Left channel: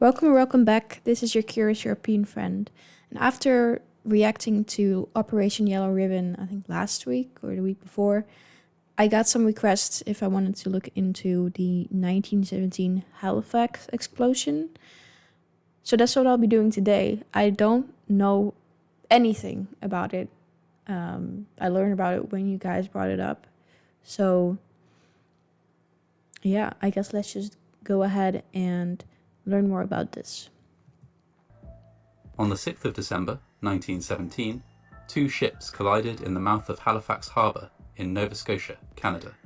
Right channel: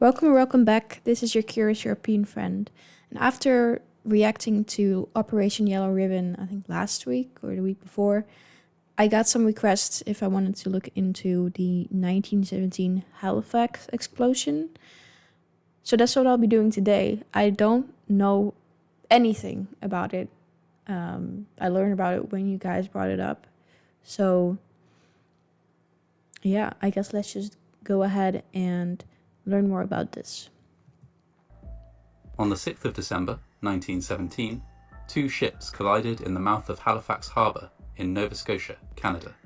Welcome back. This is your curious European friend. And after reacting to Operation Yellow Ribbon, I think last week or the week before, I got some requests if I wanted to look into the 1917 Halifax explosion. So that's what I'll be doing today. I don't know anything about it. I learned about it when you guys brought it up. So, yeah, I guess let's just go ahead and learn more about this. On the 6th of December 1917, two ships collided in the mouth of Halifax Harbour in Nova Scotia, Canada.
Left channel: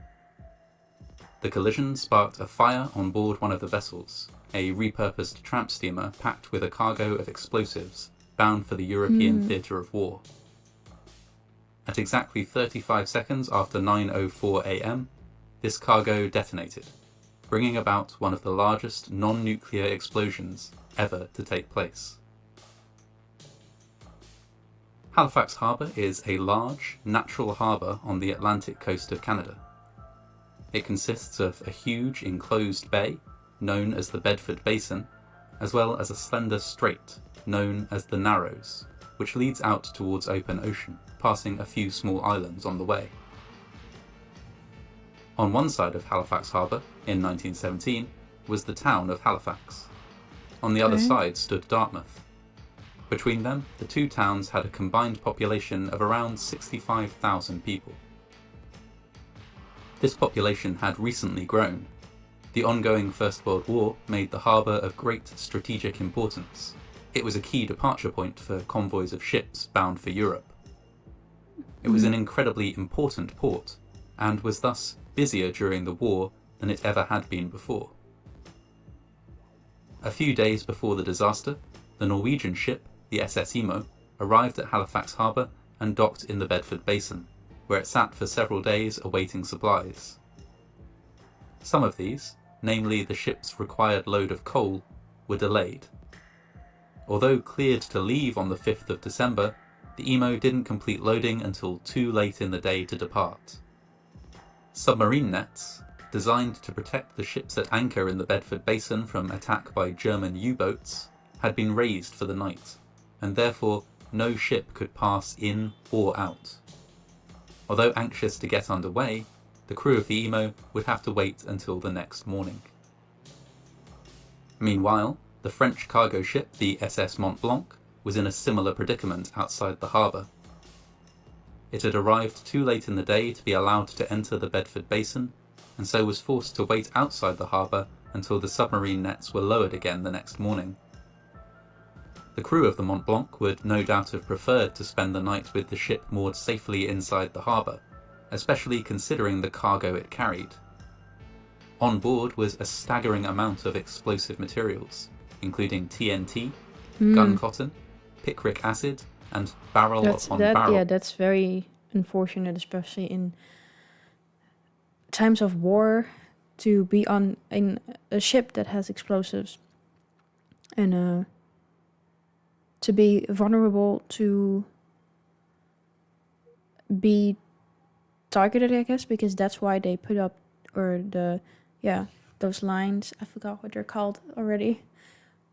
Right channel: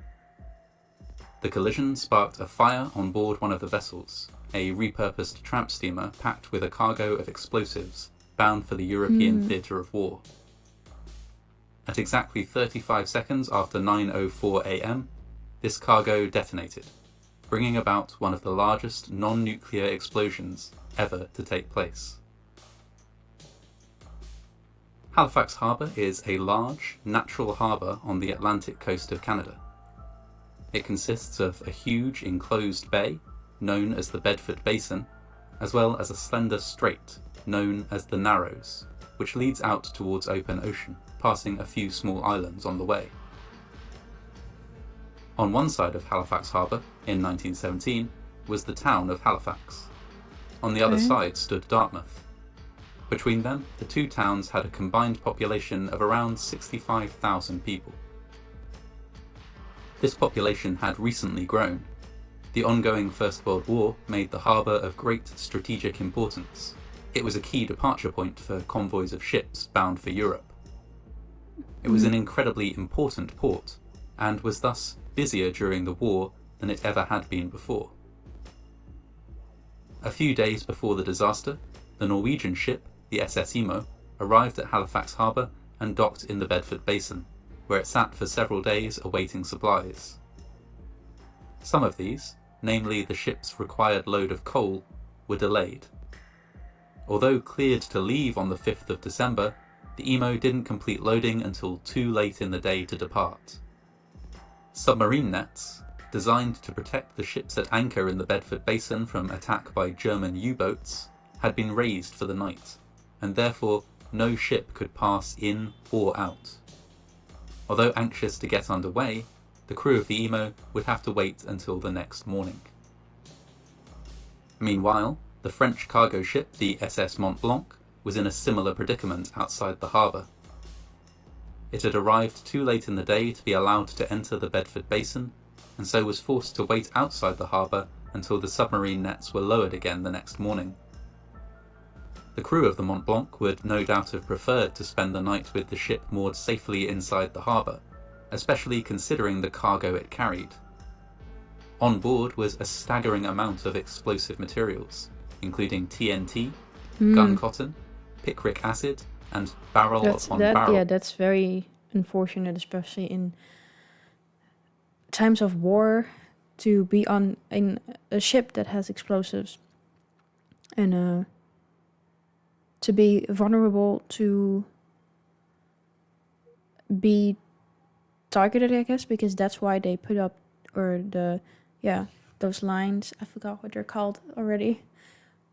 The collision sparked a fire on board one of the vessels, a repurposed tramp steamer packed with a cargo of explosives bound for the European theatre of war. At exactly 35 seconds after 9:04 a.m, this cargo detonated, bringing about one of the largest non-nuclear explosions ever to take place. Halifax Harbour is a large, natural harbour on the Atlantic coast of Canada. It consists of a huge enclosed bay, known as the Bedford Basin, as well as a slender strait, known as the Narrows, which leads out towards open ocean, passing a few small islands on the way. On one side of Halifax Harbour, in 1917, was the town of Halifax. On the other side stood Dartmouth. Between them, the two towns had a combined population of around 65,000 people. This population had recently grown. The ongoing First World War made the harbour of great strategic importance. It was a key departure point for convoys of ships bound for Europe. It was an incredibly important port, and was thus busier during the war than it ever had been before. A few days before the disaster, the Norwegian ship, the SS Imo, arrived at Halifax Harbour and docked in the Bedford Basin, where it sat for several days awaiting supplies. Some of these, namely the ship's required load of coal, were delayed. Although cleared to leave on the 5th of December, the Imo didn't complete loading until too late in the day to depart. Submarine nets, designed to protect the ships at anchor in the Bedford Basin from attack by German U-boats, had been raised for the night, and therefore no ship could pass in or out. Although anxious to get underway, the crew of the Imo would have to wait until the next morning. Meanwhile, the French cargo ship, the SS Mont Blanc, was in a similar predicament outside the harbour. It had arrived too late in the day to be allowed to enter the Bedford Basin, and so was forced to wait outside the harbour until the submarine nets were lowered again the next morning. The crew of the Mont Blanc would no doubt have preferred to spend the night with the ship moored safely inside the harbour, especially considering the cargo it carried. On board was a staggering amount of explosive materials, including TNT, gun cotton, picric acid, and barrel upon barrel. Yeah, that's very unfortunate, especially in times of war, to be on in a ship that has explosives and to be vulnerable to be targeted, I guess, because that's why they put up those lines. I forgot what they're called already,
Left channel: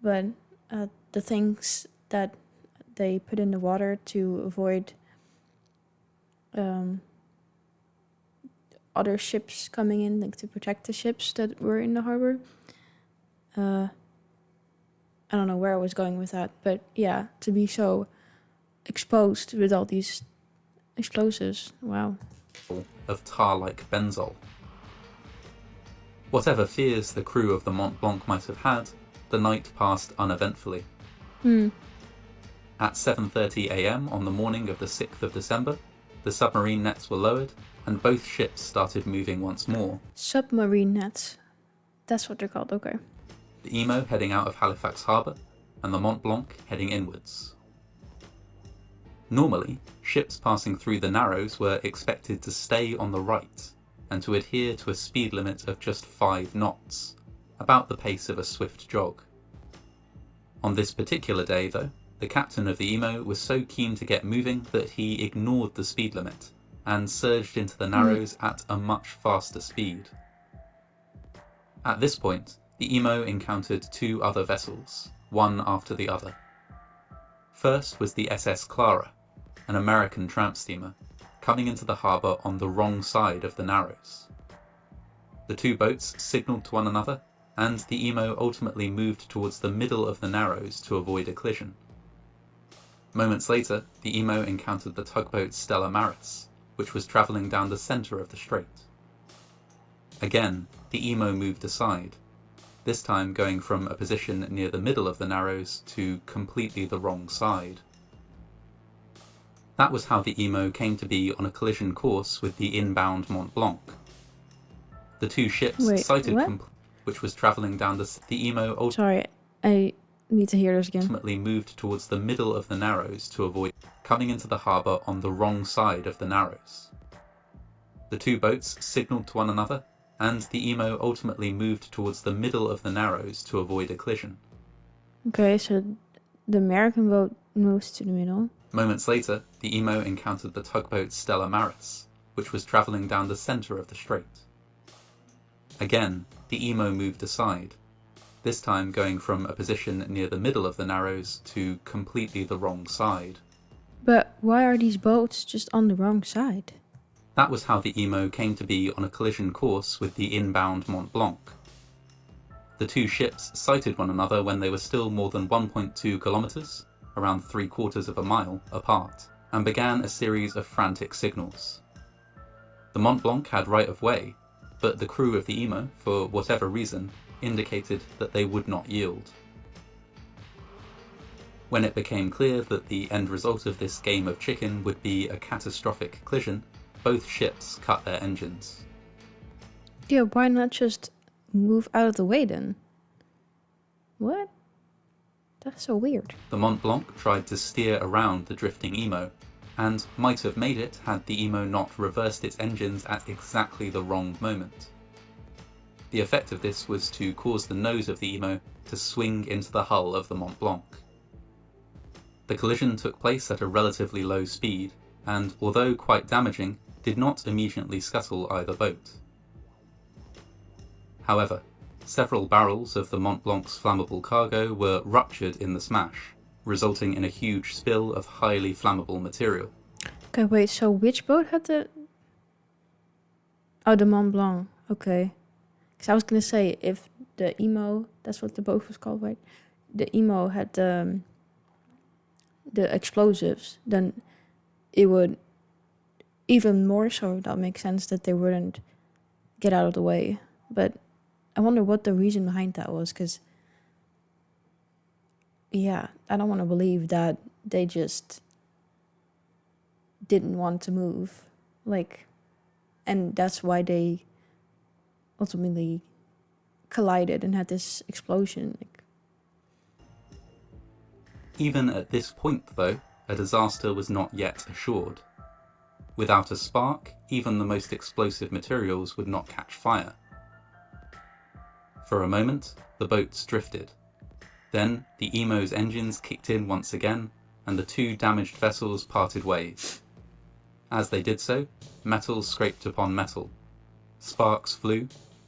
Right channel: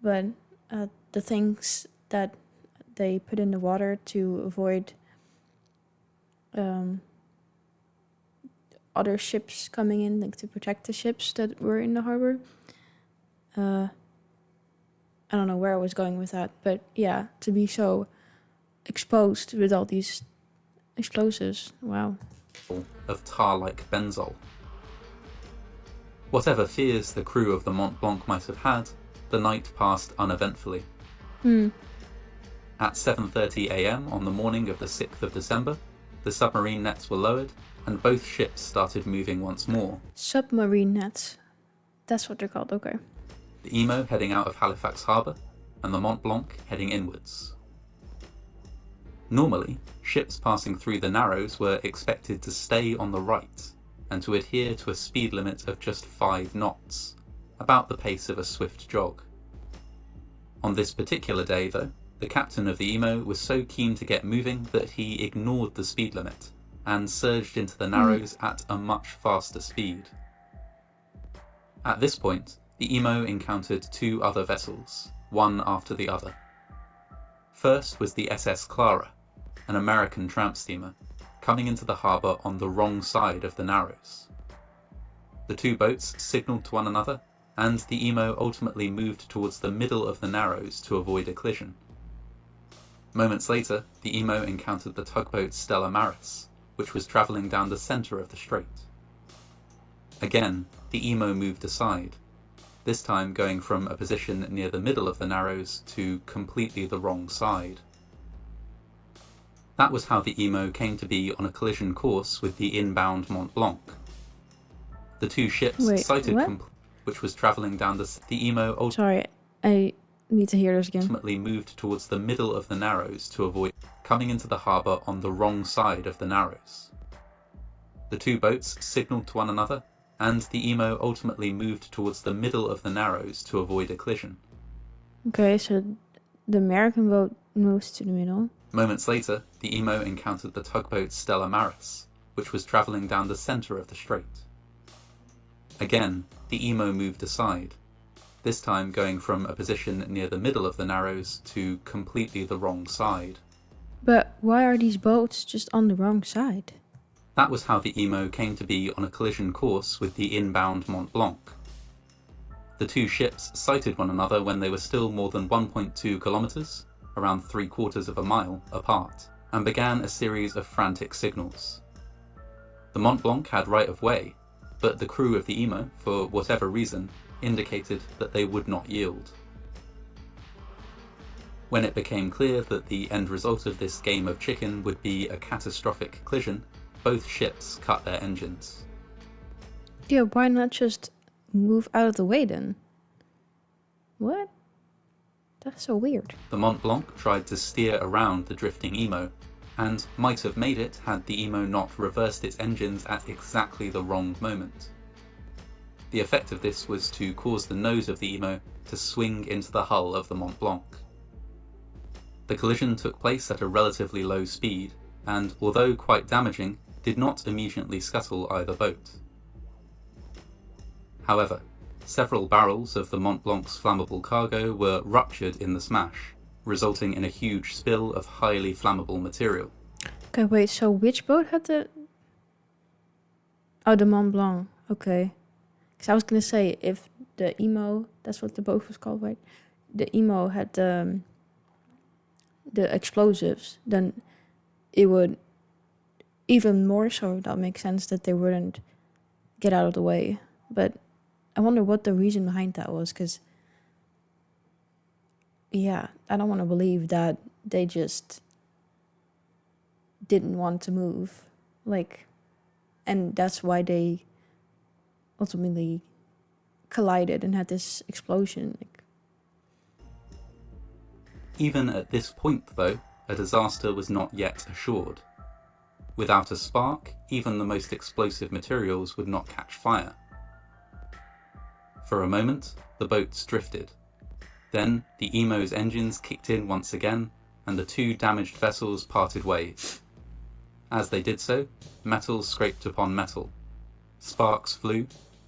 but the things that they put in the water to avoid other ships coming in, like to protect the ships that were in the harbor. I don't know where I was going with that, but yeah, to be so exposed with all these explosives, wow. Of tar-like benzol. Whatever fears the crew of the Mont Blanc might have had, the night passed uneventfully. At 7:30 a.m. on the morning of the 6th of December, the submarine nets were lowered, and both ships started moving once more. Submarine nets. That's what they're called, okay. The Imo heading out of Halifax Harbour, and the Mont Blanc heading inwards. Normally, ships passing through the Narrows were expected to stay on the right, and to adhere to a speed limit of just 5 knots, about the pace of a swift jog. On this particular day, though, the captain of the Imo was so keen to get moving that he ignored the speed limit and surged into the Narrows at a much faster speed. At this point, The Emo encountered 2 other vessels, one after the other. First was the SS Clara, an American tramp steamer, coming into the harbour on the wrong side of the Narrows. The 2 boats signalled to one another, and the Emo ultimately moved towards the middle of the Narrows to avoid a collision. Moments later, the Emo encountered the tugboat Stella Maris, which was travelling down the centre of the strait. Again, the Emo moved aside, this time going from a position near the middle of the Narrows to completely the wrong side. That was how the Emo came to be on a collision course with the inbound Mont Blanc. The 2 ships sighted which was travelling down the Emo Sorry, I need to hear this again. Ultimately moved towards the middle of the Narrows to avoid coming into the harbour on the wrong side of the Narrows. The 2 boats signalled to one another, and the Emo ultimately moved towards the middle of the Narrows to avoid a collision. Okay, so the American boat moves to the middle. Moments later, the Emo encountered the tugboat Stella Maris, which was travelling down the centre of the strait. Again, the Emo moved aside, this time going from a position near the middle of the Narrows to completely the wrong side. But why are these boats just on the wrong side? That was how the Emo came to be on a collision course with the inbound Mont Blanc. The 2 ships sighted one another when they were still more than 1.2 kilometres, around 3/4 of a mile, apart, and began a series of frantic signals. The Mont Blanc had right of way, but the crew of the Emo, for whatever reason, indicated that they would not yield. When it became clear that the end result of this game of chicken would be a catastrophic collision, both ships cut their engines. Yeah, why not just move out of the way then? What? That's so weird. The Mont Blanc tried to steer around the drifting Emo, and might have made it had the Emo not reversed its engines at exactly the wrong moment. The effect of this was to cause the nose of the Emo to swing into the hull of the Mont Blanc. The collision took place at a relatively low speed, and although quite damaging, did not immediately scuttle either boat. However, several barrels of the Mont Blanc's flammable cargo were ruptured in the smash, resulting in a huge spill of highly flammable material. Okay, wait, so which boat had the... Oh, the Mont Blanc, okay. Because I was going to say, if the Emo, that's what the boat was called, right? The Emo had the explosives, then it would even more so, that makes sense that they wouldn't get out of the way. But I wonder what the reason behind that was, because, yeah, I don't want to believe that they just didn't want to move. Like, and that's why they ultimately collided and had this explosion. Even at this point, though, a disaster was not yet assured. Without a spark, even the most explosive materials would not catch fire. For a moment, the boats drifted. Then, the Emo's engines kicked in once again, and the 2 damaged vessels parted ways. As they did so, metal scraped upon metal. Sparks flew,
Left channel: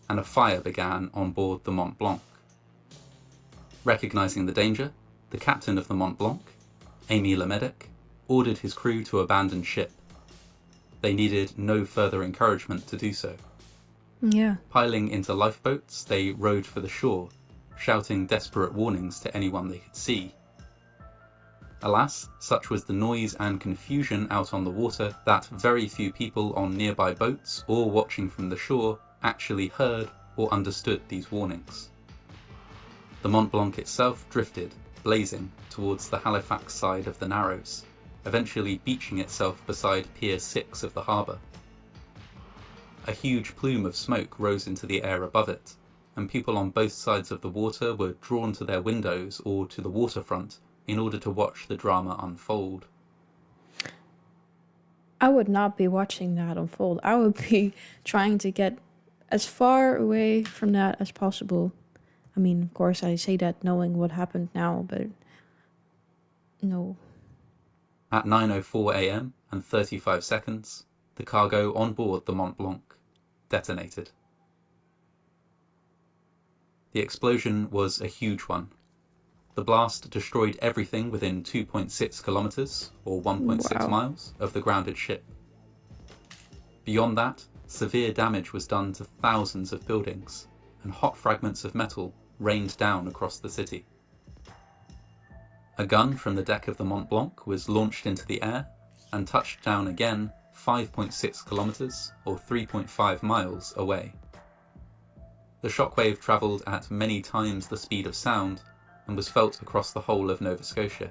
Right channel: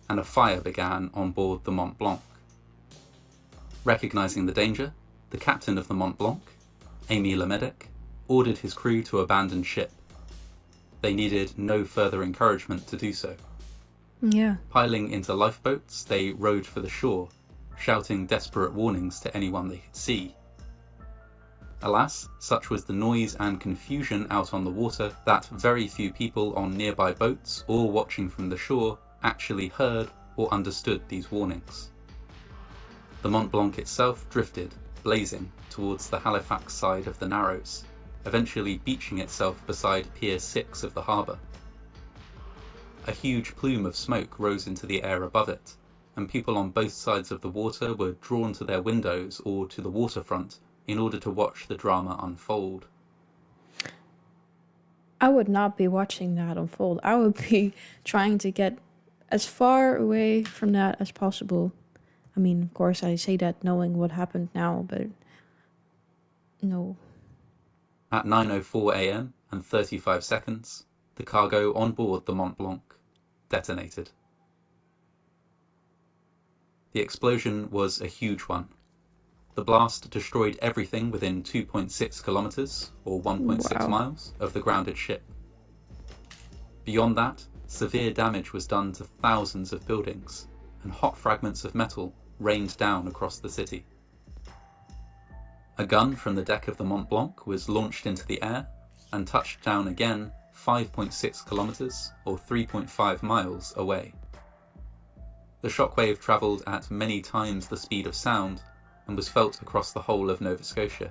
and a fire began on board the Mont Blanc. Recognizing the danger, the captain of the Mont Blanc, Amy Lemedic, ordered his crew to abandon ship. They needed no further encouragement to do so. Yeah. Piling into lifeboats, they rowed for the shore, shouting desperate warnings to anyone they could see. Alas, such was the noise and confusion out on the water that very few people on nearby boats or watching from the shore actually heard or understood these warnings. The Mont Blanc itself drifted, blazing, towards the Halifax side of the Narrows, eventually beaching itself beside Pier 6 of the harbour. A huge plume of smoke rose into the air above it, and people on both sides of the water were drawn to their windows or to the waterfront in order to watch the drama unfold. I would not be watching that unfold. I would be trying to get as far away from that as possible. I mean, of course, I say that knowing what happened now, but no. At 9:04 a.m. and 35 seconds, the cargo on board the Mont Blanc detonated. The explosion was a huge one. The blast destroyed everything within 2.6 kilometers, or 1.6 Wow. miles, of the grounded ship. Beyond that, severe damage was done to thousands of buildings, and hot fragments of metal rained down across the city. A gun from the deck of the Mont Blanc was launched into the air and touched down again 5.6 kilometers, or 3.5 miles, away. The shockwave travelled at many times the speed of sound and was felt across the whole of Nova Scotia.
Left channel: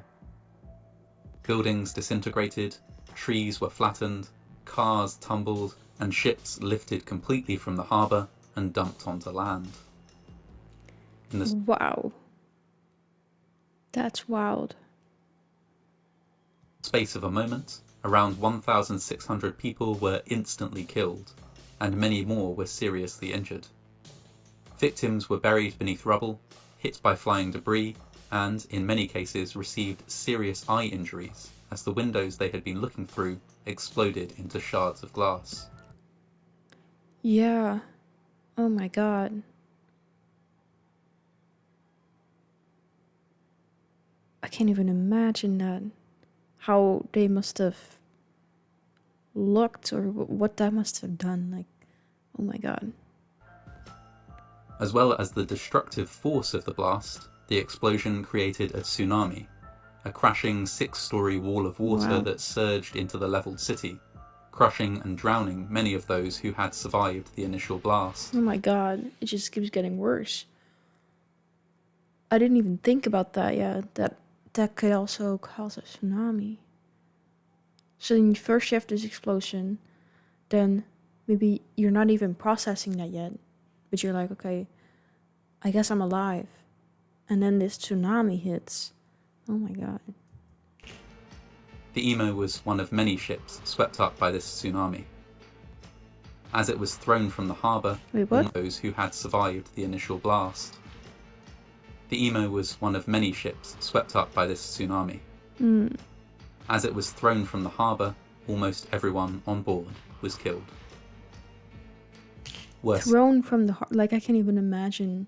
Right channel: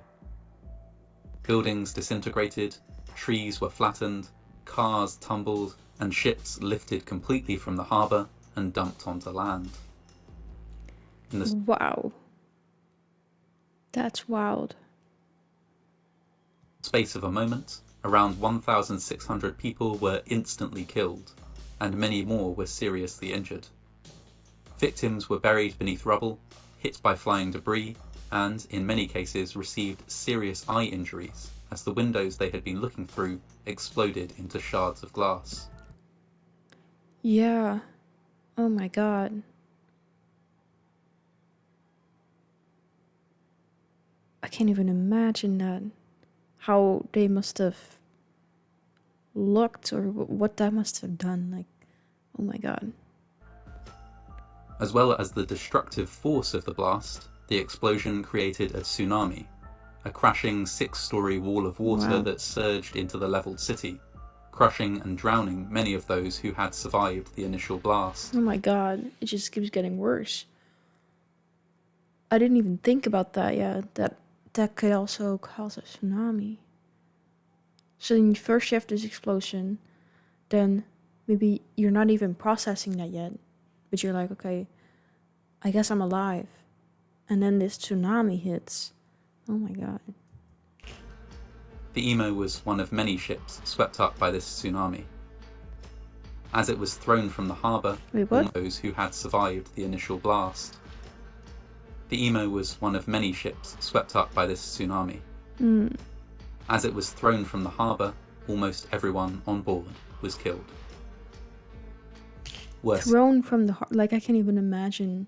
Buildings disintegrated, trees were flattened, cars tumbled, and ships lifted completely from the harbour and dumped onto land. In the Wow. That's wild. space of a moment, around 1,600 people were instantly killed, and many more were seriously injured. Victims were buried beneath rubble, hit by flying debris, and, in many cases, received serious eye injuries as the windows they had been looking through exploded into shards of glass. Yeah. Oh my god. I can't even imagine that. How they must have looked or what that must have done. Like, oh my god. As well as the destructive force of the blast, the explosion created a tsunami, a crashing 6-story wall of water Wow. that surged into the leveled city, crushing and drowning many of those who had survived the initial blast. Oh my god. It just keeps getting worse. I didn't even think about that. Yeah, that could also cause a tsunami. So then first you have this explosion, then maybe you're not even processing that yet, but you're like, okay, I guess I'm alive. And then this tsunami hits. Oh my god. The Emo was one of many ships swept up by this tsunami. As it was thrown from the harbour, Wait, what? those who had survived the initial blast. The Emo was one of many ships swept up by this tsunami. As it was thrown from the harbour, almost everyone on board was killed. Worse, Thrown from the heart. Like, I can't even imagine.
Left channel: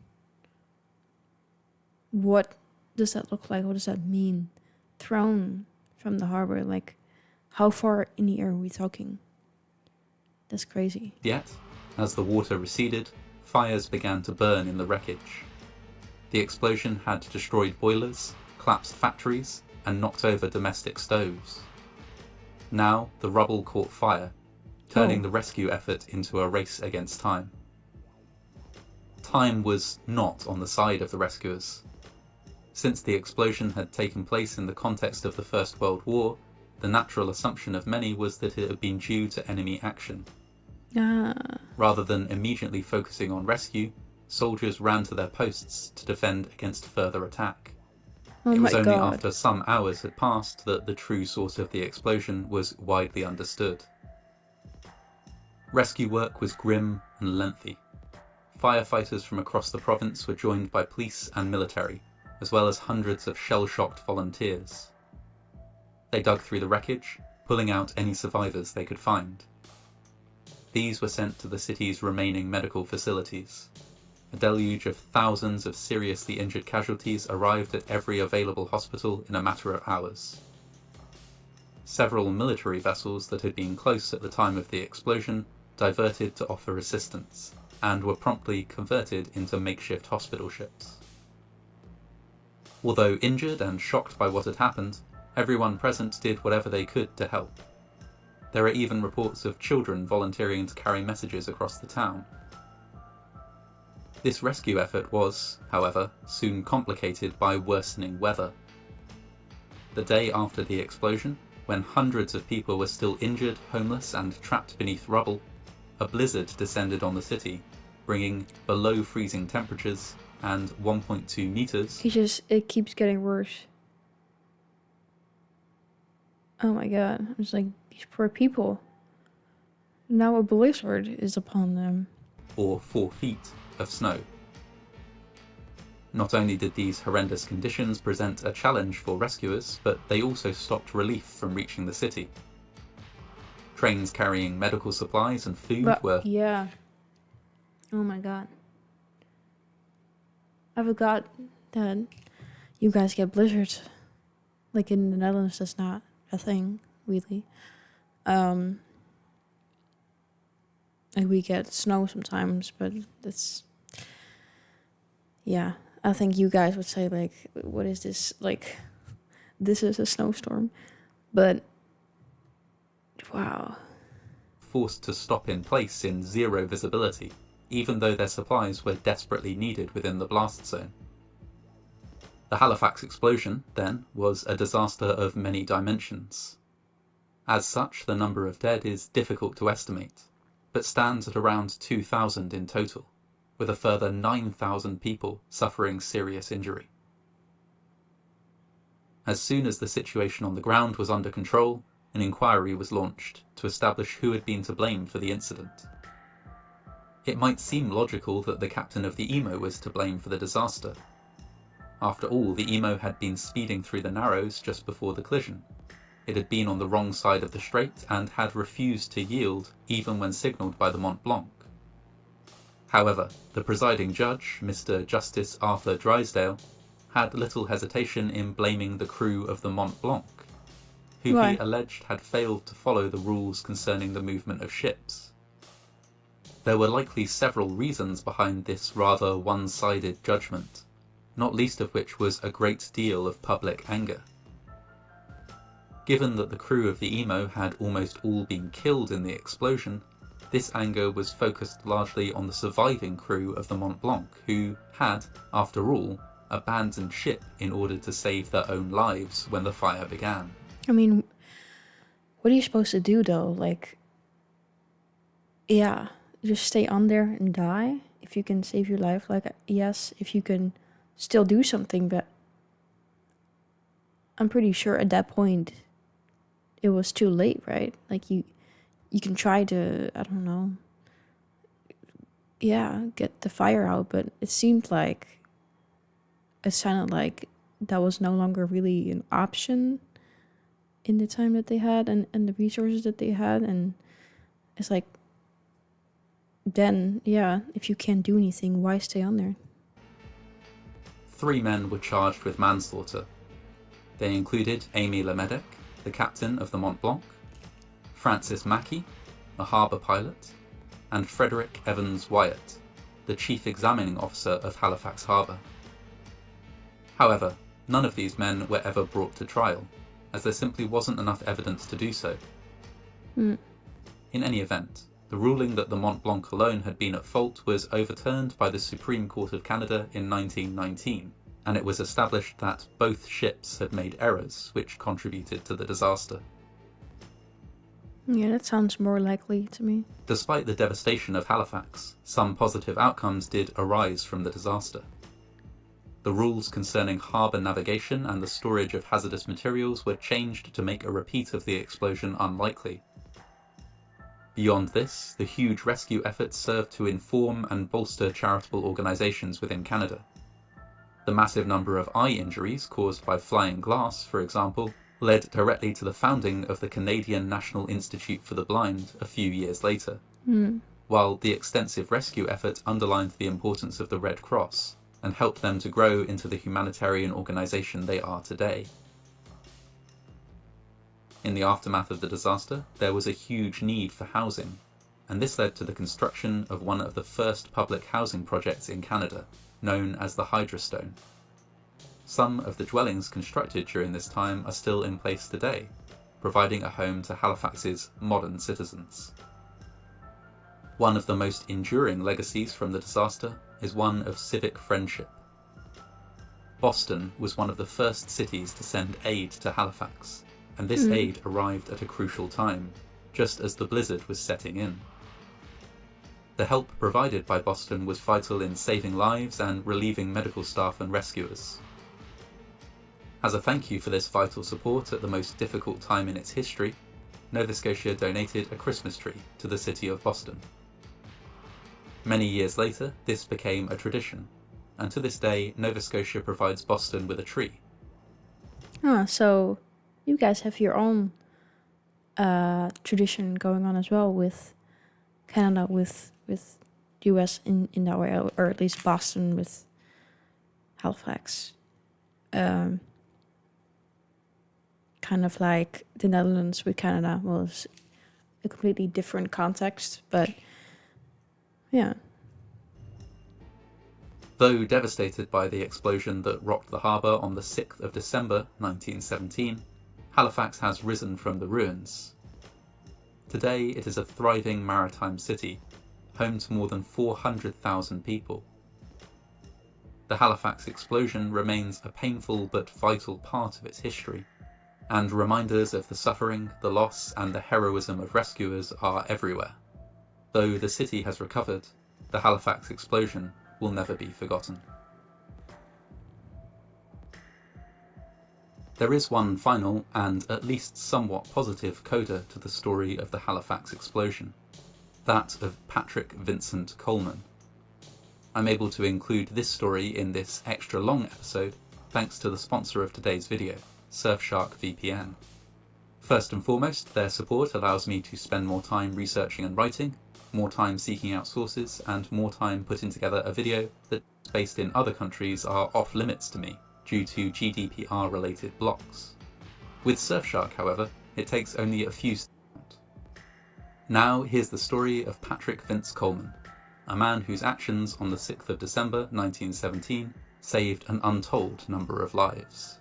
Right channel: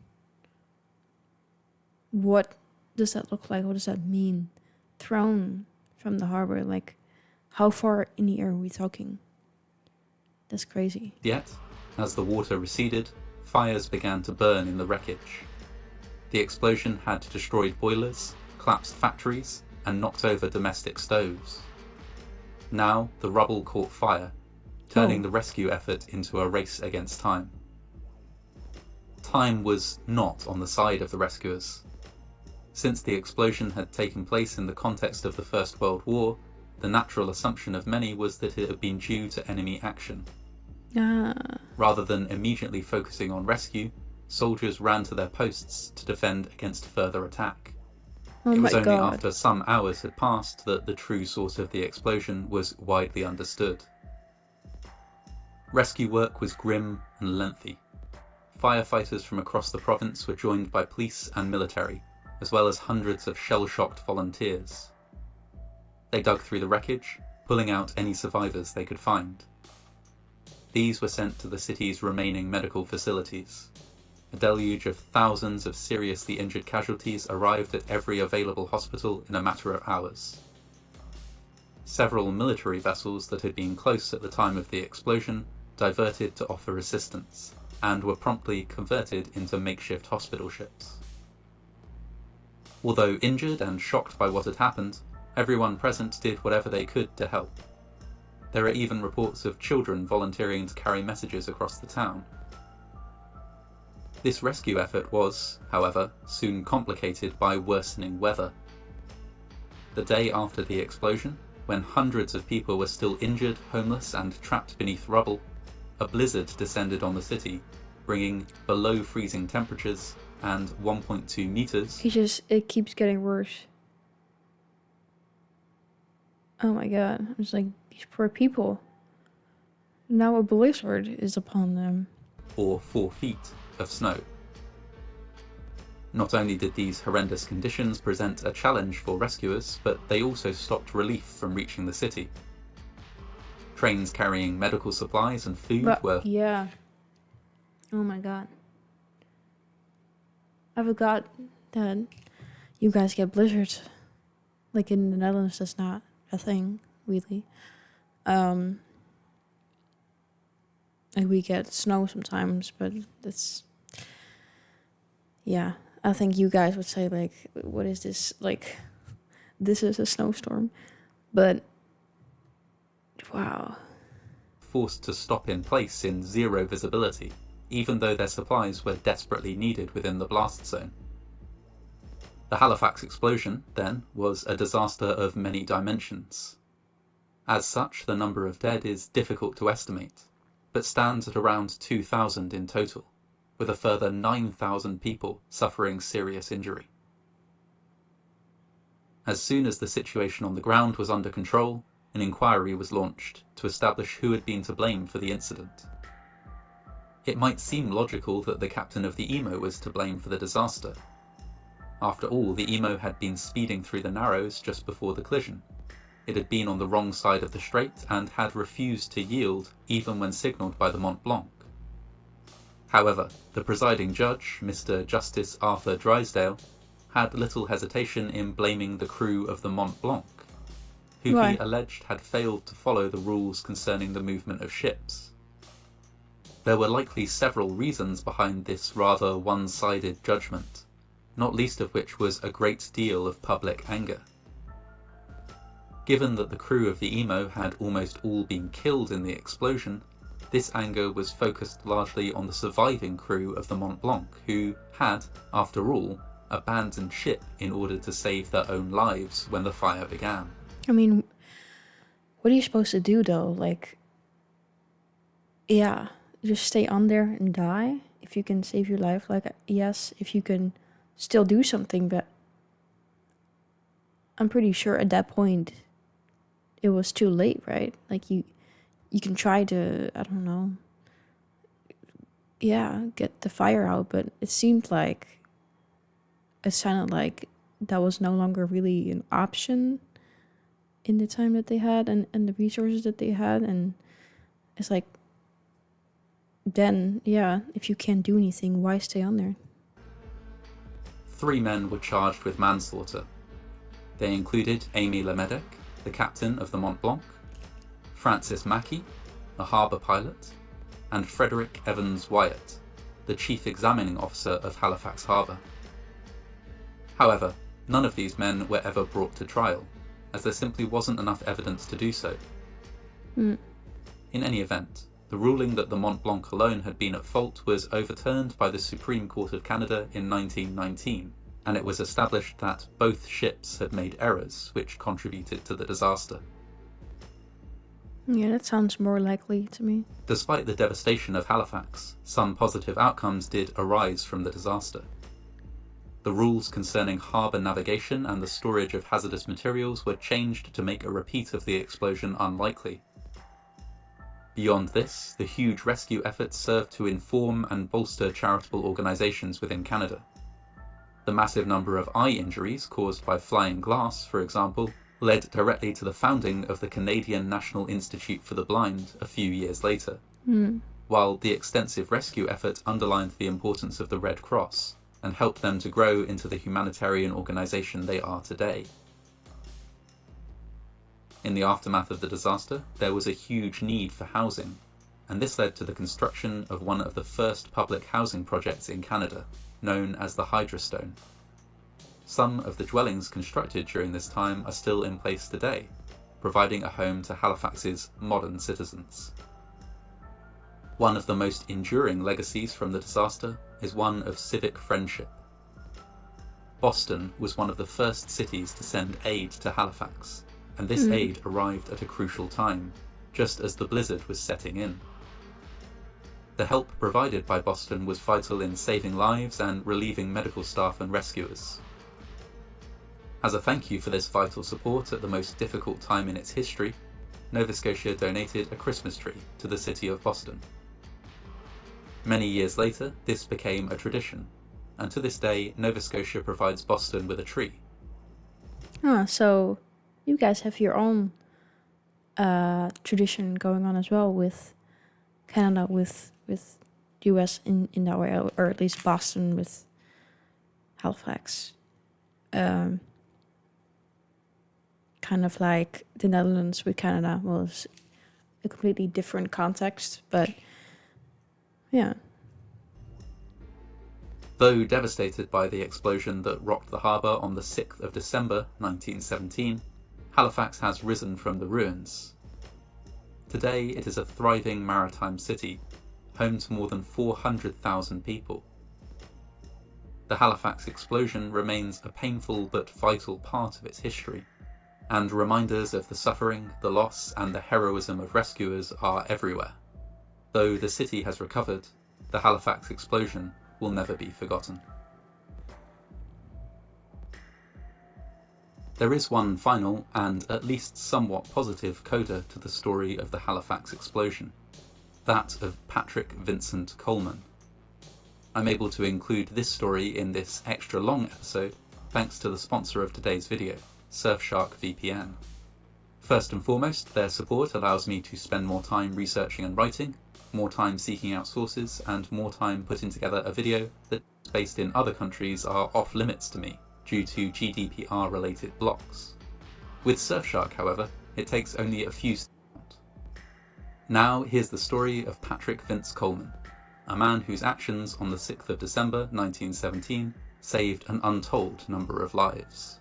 What does that look like? What does that mean? Thrown from the harbor. Like, how far in the air are we talking? That's crazy. yet, as the water receded, fires began to burn in the wreckage. The explosion had destroyed boilers, collapsed factories, and knocked over domestic stoves. Now the rubble caught fire, turning the rescue effort into a race against time. Time was not on the side of the rescuers. Since the explosion had taken place in the context of the First World War, the natural assumption of many was that it had been due to enemy action. Rather than immediately focusing on rescue, soldiers ran to their posts to defend against further attack. Oh It my was only god. after some hours had passed that the true source of the explosion was widely understood. Rescue work was grim and lengthy. Firefighters from across the province were joined by police and military, as well as hundreds of shell-shocked volunteers. They dug through the wreckage, pulling out any survivors they could find. These were sent to the city's remaining medical facilities. A deluge of thousands of seriously injured casualties arrived at every available hospital in a matter of hours. Several military vessels that had been close at the time of the explosion diverted to offer assistance, and were promptly converted into makeshift hospital ships. Although injured and shocked by what had happened, everyone present did whatever they could to help. There are even reports of children volunteering to carry messages across the town. This rescue effort was, however, soon complicated by worsening weather. The day after the explosion, when hundreds of people were still injured, homeless, and trapped beneath rubble, a blizzard descended on the city, bringing below freezing temperatures and 1.2 meters. It keeps getting worse. Oh my god. I'm just like, these poor people. Now a blizzard is upon them. Or 4 feet of snow. Not only did these horrendous conditions present a challenge for rescuers, but they also stopped relief from reaching the city. Trains carrying medical supplies and food were... Yeah. Oh my god. I forgot that you guys get blizzards. Like in the Netherlands, that's not a thing, really. Like we get snow sometimes, but that's, yeah. I think you guys would say like, what is this? Like, this is a snowstorm. But wow. Forced to stop in place in zero visibility, even though their supplies were desperately needed within the blast zone. The Halifax explosion, then, was a disaster of many dimensions. As such, the number of dead is difficult to estimate, but stands at around 2,000 in total, with a further 9,000 people suffering serious injury. As soon as the situation on the ground was under control, an inquiry was launched to establish who had been to blame for the incident. It might seem logical that the captain of the Emo was to blame for the disaster. After all, the Emo had been speeding through the Narrows just before the collision. It had been on the wrong side of the strait and had refused to yield even when signalled by the Mont Blanc. However, the presiding judge, Mr. Justice Arthur Drysdale, had little hesitation in blaming the crew of the Mont Blanc, who Why? he alleged had failed to follow the rules concerning the movement of ships. There were likely several reasons behind this rather one-sided judgment, not least of which was a great deal of public anger. Given that the crew of the Emo had almost all been killed in the explosion, this anger was focused largely on the surviving crew of the Mont Blanc, who had, after all, abandoned ship in order to save their own lives when the fire began. I mean, what are you supposed to do though? Like, yeah, just stay on there and die if you can save your life. Like, yes, if you can still do something, but I'm pretty sure at that point it was too late, right? Like you can try to, I don't know, yeah, get the fire out, but it sounded like that was no longer really an option in the time that they had and the resources that they had. And it's like, then, yeah, if you can't do anything, why stay on there? 3 men were charged with manslaughter. They included Amy Lemedek, the captain of the Mont Blanc, Francis Mackey, a harbour pilot, and Frederick Evans Wyatt, the chief examining officer of Halifax Harbour. However, none of these men were ever brought to trial, as there simply wasn't enough evidence to do so. In any event, the ruling that the Mont Blanc alone had been at fault was overturned by the Supreme Court of Canada in 1919, and it was established that both ships had made errors which contributed to the disaster. Yeah, that sounds more likely to me. Despite the devastation of Halifax, some positive outcomes did arise from the disaster. The rules concerning harbour navigation and the storage of hazardous materials were changed to make a repeat of the explosion unlikely. Beyond this, the huge rescue efforts served to inform and bolster charitable organisations within Canada. The massive number of eye injuries caused by flying glass, for example, led directly to the founding of the Canadian National Institute for the Blind a few years later, while the extensive rescue effort underlined the importance of the Red Cross and helped them to grow into the humanitarian organisation they are today. In the aftermath of the disaster, there was a huge need for housing, and this led to the construction of one of the first public housing projects in Canada, known as the Hydrostone. Some of the dwellings constructed during this time are still in place today, providing a home to Halifax's modern citizens. One of the most enduring legacies from the disaster is one of civic friendship. Boston was one of the first cities to send aid to Halifax, and this aid arrived at a crucial time, just as the blizzard was setting in. The help provided by Boston was vital in saving lives and relieving medical staff and rescuers. As a thank you for this vital support at the most difficult time in its history, Nova Scotia donated a Christmas tree to the city of Boston. Many years later, this became a tradition, and to this day, Nova Scotia provides Boston with a tree. So you guys have your own tradition going on as well with Canada, with US in that way, or at least Boston with Halifax. Kind of like the Netherlands with Canada was a completely different context, but yeah. Though devastated by the explosion that rocked the harbour on the 6th of December 1917, Halifax has risen from the ruins. Today it is a thriving maritime city, home to more than 400,000 people. The Halifax Explosion remains a painful but vital part of its history, and reminders of the suffering, the loss, and the heroism of rescuers are everywhere. Though the city has recovered, the Halifax Explosion will never be forgotten. There is one final and at least somewhat positive coda to the story of the Halifax Explosion, that of Patrick Vincent Coleman. I'm able to include this story in this extra long episode thanks to the sponsor of today's video, Surfshark VPN. First and foremost, their support allows me to spend more time researching and writing, more time seeking out sources, and more time putting together a video that's based in other countries are off limits to me due to GDPR related blocks. With Surfshark, however, it takes only a few seconds. Now here's the story of Patrick Vince Coleman, a man whose actions on the 6th of December 1917 saved an untold number of lives.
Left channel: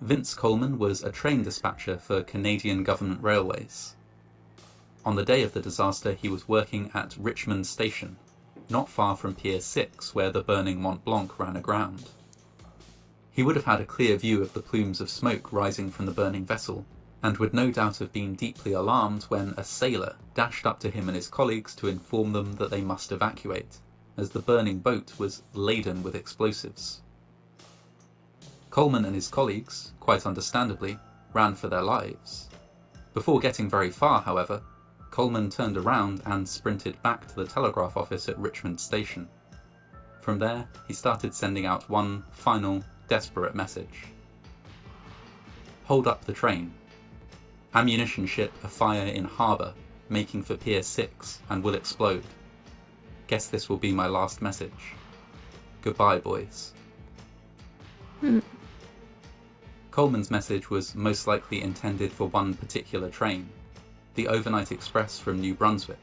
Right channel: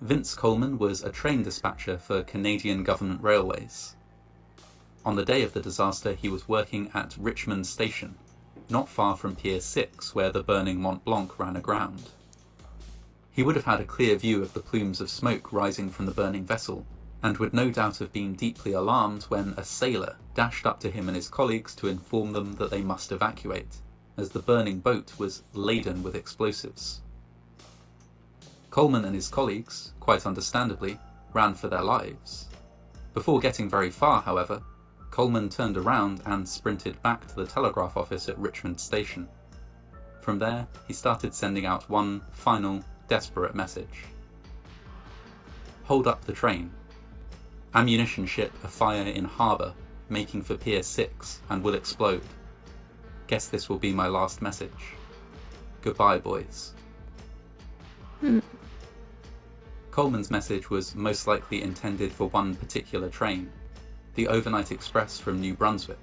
Vince Coleman was a train dispatcher for Canadian Government Railways. On the day of the disaster, he was working at Richmond Station, not far from Pier 6, where the burning Mont Blanc ran aground. He would have had a clear view of the plumes of smoke rising from the burning vessel, and would no doubt have been deeply alarmed when a sailor dashed up to him and his colleagues to inform them that they must evacuate, as the burning boat was laden with explosives. Coleman and his colleagues, quite understandably, ran for their lives. Before getting very far, however, Coleman turned around and sprinted back to the telegraph office at Richmond Station. From there, he started sending out one final, desperate message. Hold up the train. Ammunition ship afire in harbour, making for Pier 6, and will explode. Guess this will be my last message. Goodbye, boys. Coleman's message was most likely intended for one particular train, the overnight express from New Brunswick.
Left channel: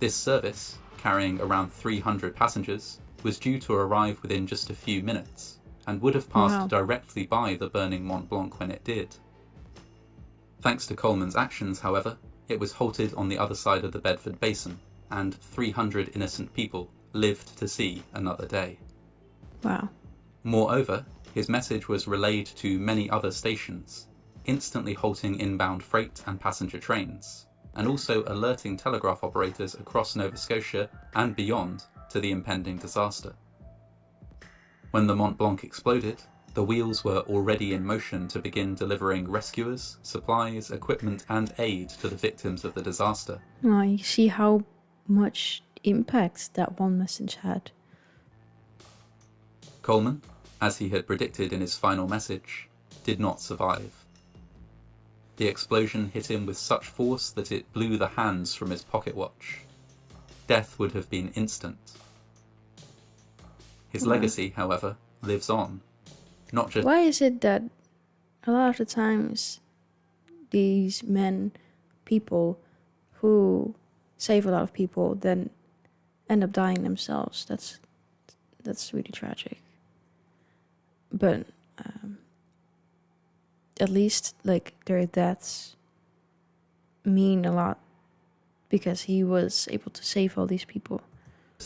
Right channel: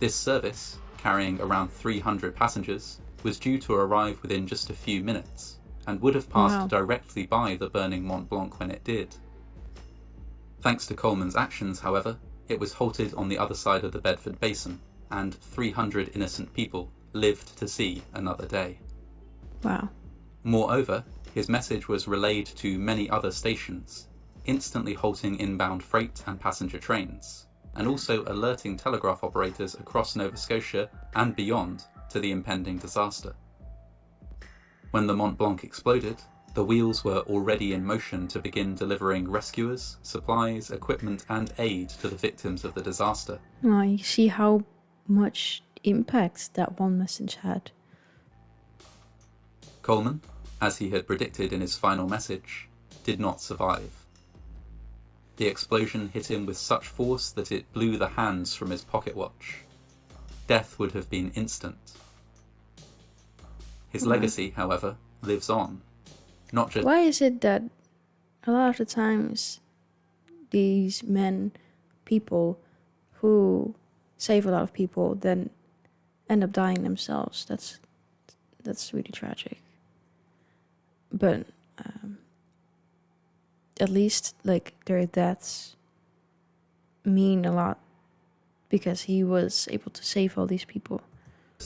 This service, carrying around 300 passengers, was due to arrive within just a few minutes, and would have passed directly by the burning Mont Blanc when it did. Thanks to Coleman's actions, however, it was halted on the other side of the Bedford Basin, and 300 innocent people lived to see another day. Wow. Moreover, his message was relayed to many other stations, instantly halting inbound freight and passenger trains, and also alerting telegraph operators across Nova Scotia and beyond to the impending disaster. When the Mont Blanc exploded, the wheels were already in motion to begin delivering rescuers, supplies, equipment, and aid to the victims of the disaster. Well, you see how much impact that one message had. Coleman, as he had predicted in his final message, did not survive. The explosion hit him with such force that it blew the hands from his pocket watch. Death would have been instant. His legacy, however, lives on. Not just. Why is it that a lot of the times these people who save a lot of people then end up dying themselves? That's really tragic. But at least like their deaths mean a lot because he was able to save all these people.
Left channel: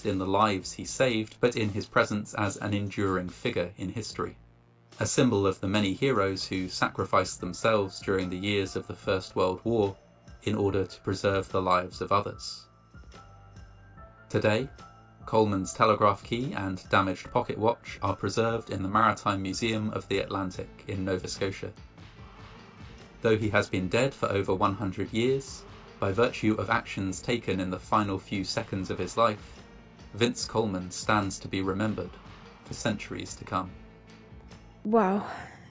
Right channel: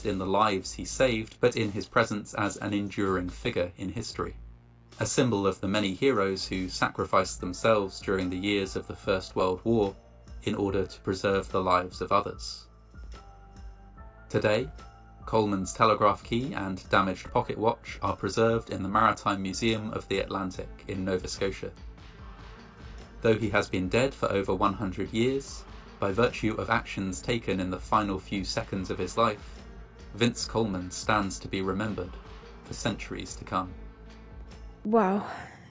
In the lives he saved, but in his presence as an enduring figure in history. A symbol of the many heroes who sacrificed themselves during the years of the First World War in order to preserve the lives of others. Today, Coleman's telegraph key and damaged pocket watch are preserved in the Maritime Museum of the Atlantic in Nova Scotia. Though he has been dead for over 100 years, by virtue of actions taken in the final few seconds of his life, Vince Coleman stands to be remembered for centuries to come. Wow.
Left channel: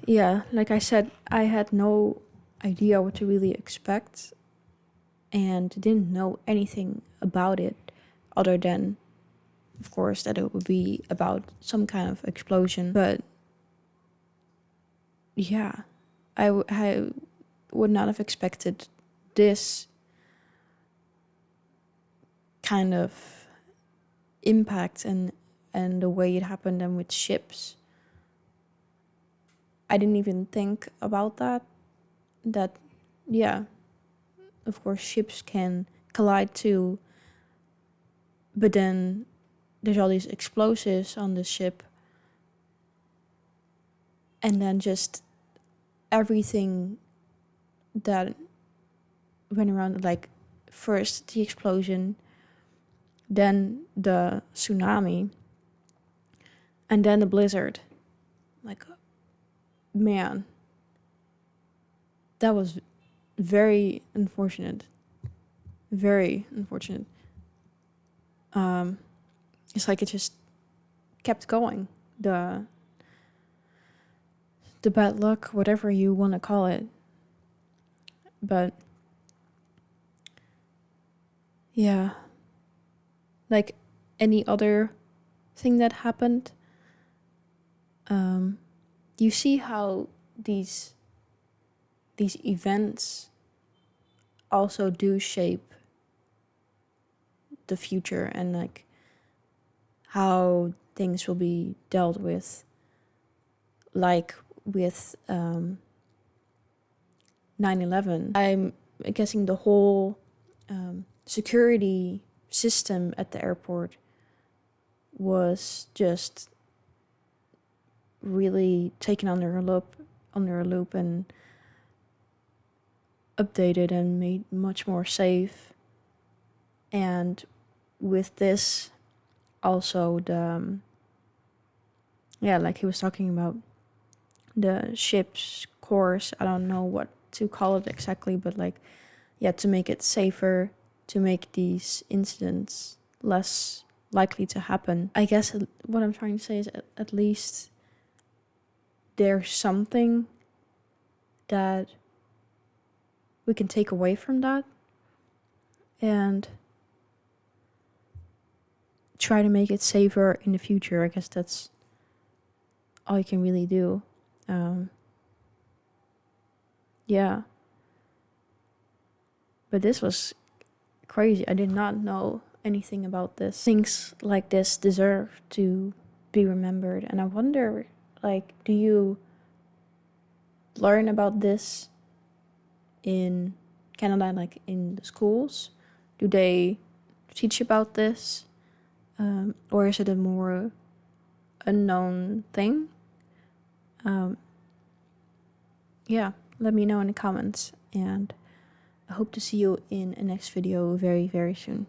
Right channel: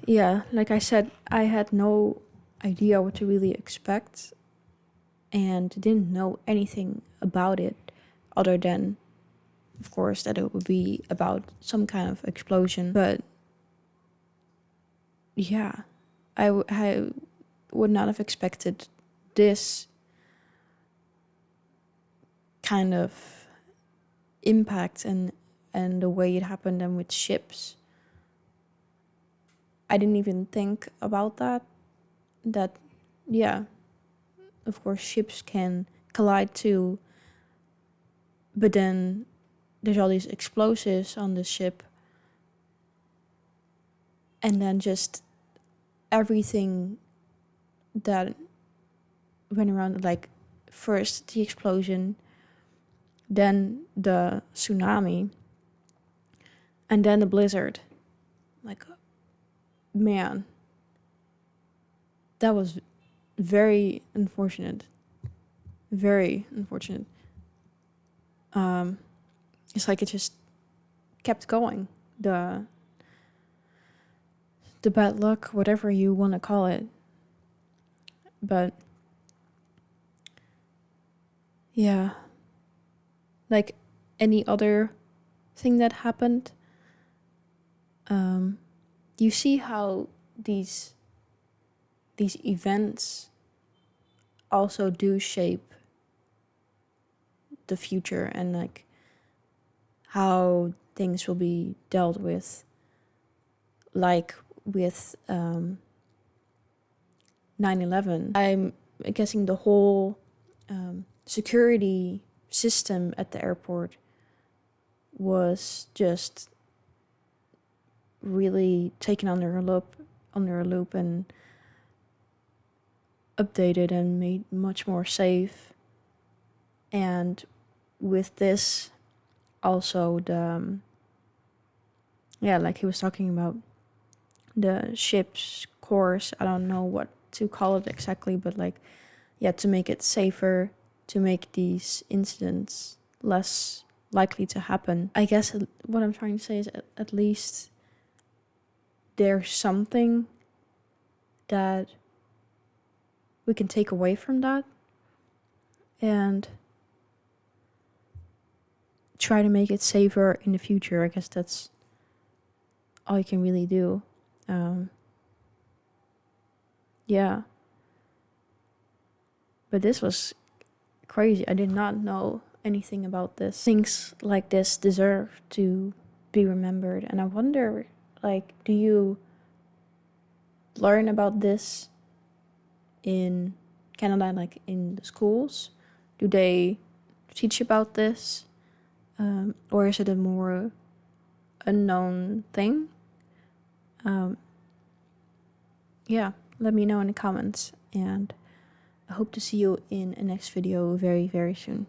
Yeah, like I said, I had no idea what to really expect and didn't know anything about it other than of course, that it would be about some kind of explosion. But yeah, I would not have expected this kind of impact and the way it happened, and with ships. I didn't even think about that. That, yeah, of course, ships can collide too, but then there's all these explosives on the ship, and then just everything that went around, like first the explosion, then the tsunami, and then the blizzard. Like, man, that was very unfortunate. Very unfortunate. It's like it just kept going. The bad luck, whatever you want to call it. But yeah, like any other thing that happened, you see how these events also do shape the future, and like how things will be dealt with, like with 9/11. I'm guessing the whole security system at the airport was just really taken under a loop and updated and made much more safe. And with this, also the like he was talking about, the ship's course, I don't know what to call it exactly, but like, yeah, to make it safer, to make these incidents less likely to happen. I guess what I'm trying to say is at least there's something that we can take away from that and try to make it safer in the future. I guess that's all you can really do. Yeah. But this was crazy. I did not know anything about this. Things like this deserve to be remembered. And I wonder, like, do you learn about this in Canada, like in the schools? Do they teach about this? Or is it a more unknown thing? Yeah, let me know in the comments, and I hope to see you in a next video very, very soon.